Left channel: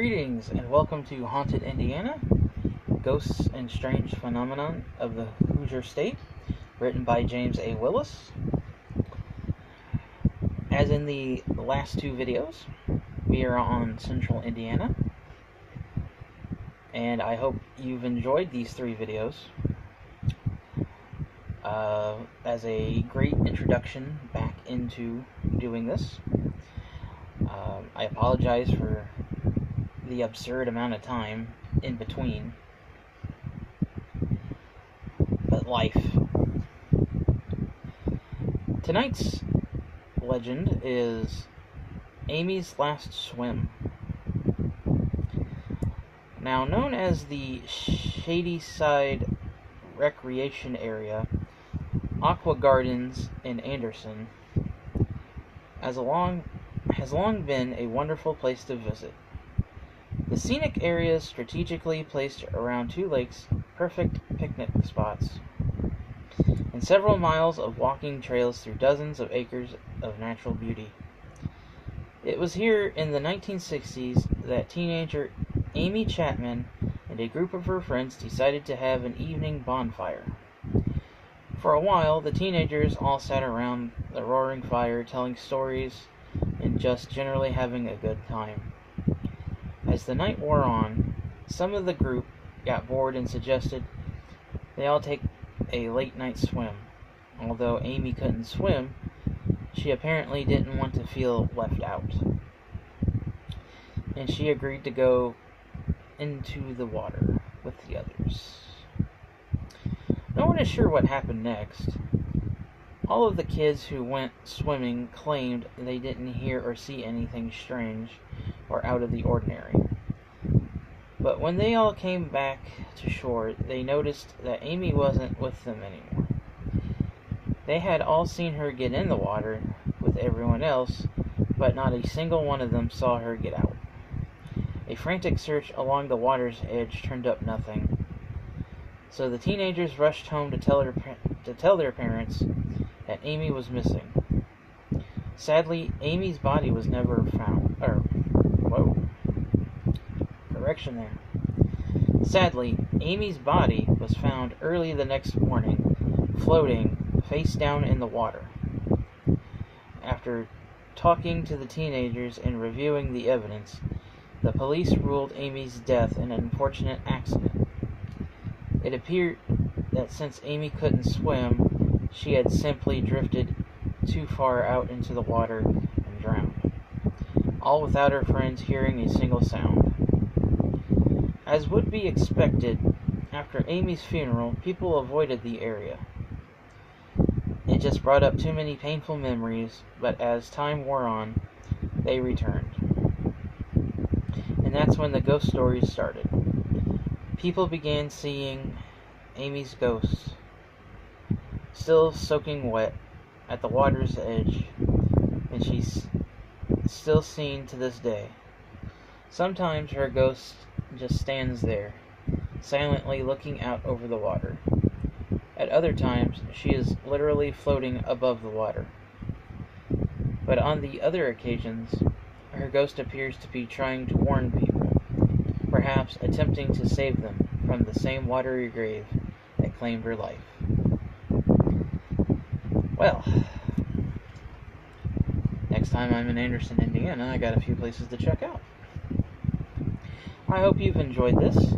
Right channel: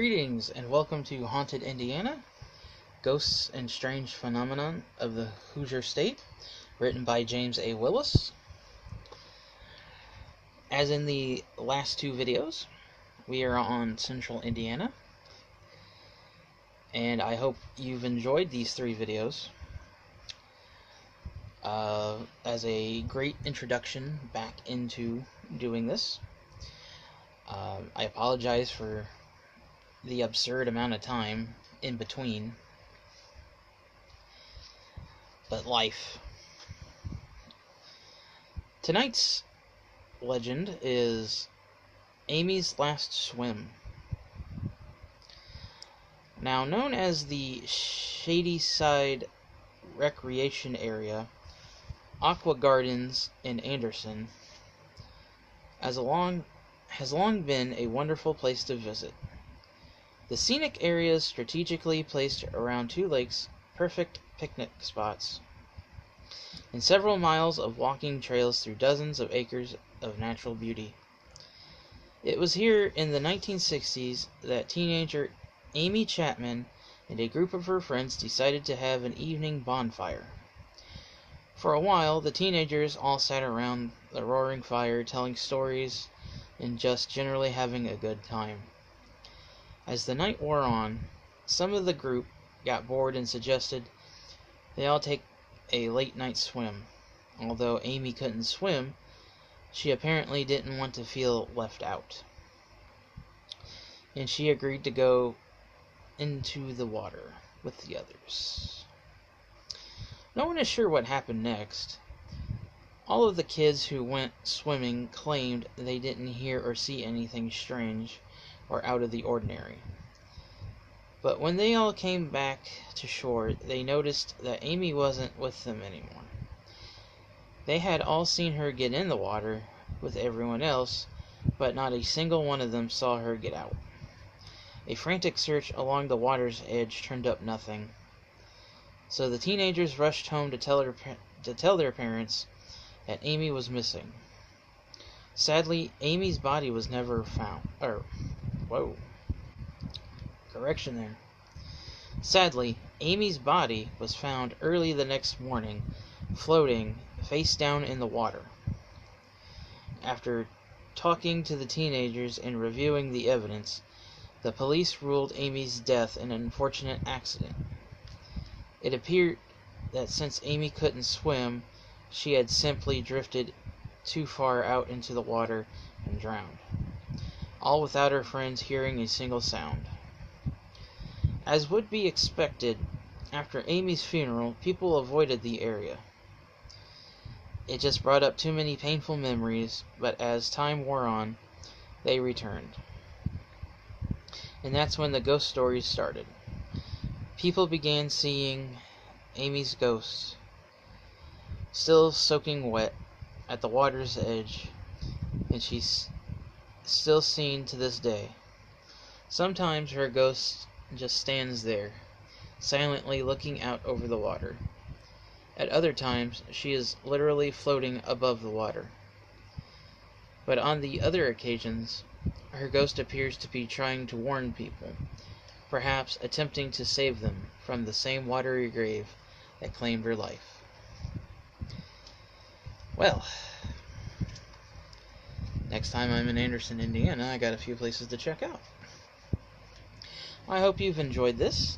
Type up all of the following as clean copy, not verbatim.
Greetings and welcome to Haunted Indiana, Ghosts and Strange Phenomenon of the Hoosier State, written by James A. Willis. As in the last two videos, we are on Central Indiana, and I hope you've enjoyed these three videos as a great introduction back into doing this. I apologize for the absurd amount of time in between, but life. Tonight's legend is Amy's Last Swim. Now known as the Shady Side Recreation Area, Aqua Gardens in Anderson has long been a wonderful place to visit. The scenic area is strategically placed around two lakes, perfect picnic spots, and several miles of walking trails through dozens of acres of natural beauty. It was here in the 1960s that teenager Amy Chapman and a group of her friends decided to have an evening bonfire. For a while, the teenagers all sat around the roaring fire telling stories and just generally having a good time. As the night wore on, some of the group got bored and suggested they all take a late night swim. Although Amy couldn't swim, she apparently didn't want to feel left out, and she agreed to go into the water with the others. No one is sure what happened next. All of the kids who went swimming claimed they didn't hear or see anything strange or out of the ordinary. But when they all came back to shore, they noticed that Amy wasn't with them anymore. They had all seen her get in the water with everyone else, but not a single one of them saw her get out. A frantic search along the water's edge turned up nothing. So the teenagers rushed home to tell their parents that Amy was missing. Sadly, Amy's body was never found. Sadly, Amy's body was found early the next morning, floating face down in the water. After talking to the teenagers and reviewing the evidence, the police ruled Amy's death an unfortunate accident. It appeared that since Amy couldn't swim, she had simply drifted too far out into the water and drowned, all without her friends hearing a single sound. As would be expected, after Amy's funeral, people avoided the area. It just brought up too many painful memories, but as time wore on, they returned. And that's when the ghost stories started. People began seeing Amy's ghost, still soaking wet, at the water's edge, and she's still seen to this day. Sometimes her ghost just stands there, silently looking out over the water. At other times, she is literally floating above the water. But on the other occasions, her ghost appears to be trying to warn people, perhaps attempting to save them from the same watery grave that claimed her life. Well, next time I'm in Anderson, Indiana, I got a few places to check out. I hope you've enjoyed this.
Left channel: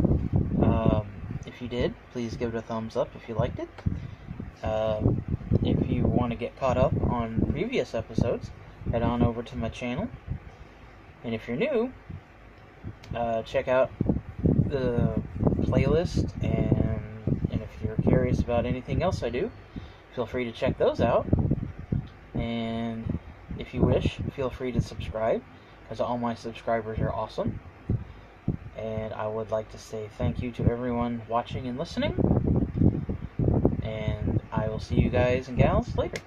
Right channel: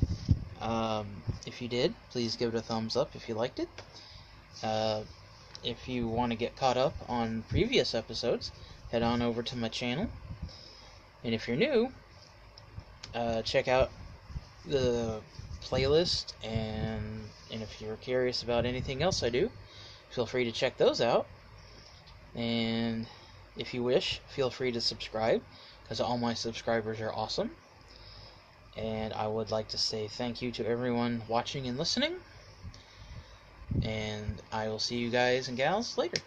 If you did, please give it a thumbs up if you liked it. If you want to get caught up on previous episodes, head on over to my channel. And if you're new, check out the playlist, and if you're curious about anything else I do, feel free to check those out. And if you wish, feel free to subscribe, because all my subscribers are awesome. And I would like to say thank you to everyone watching and listening. And I will see you guys and gals later.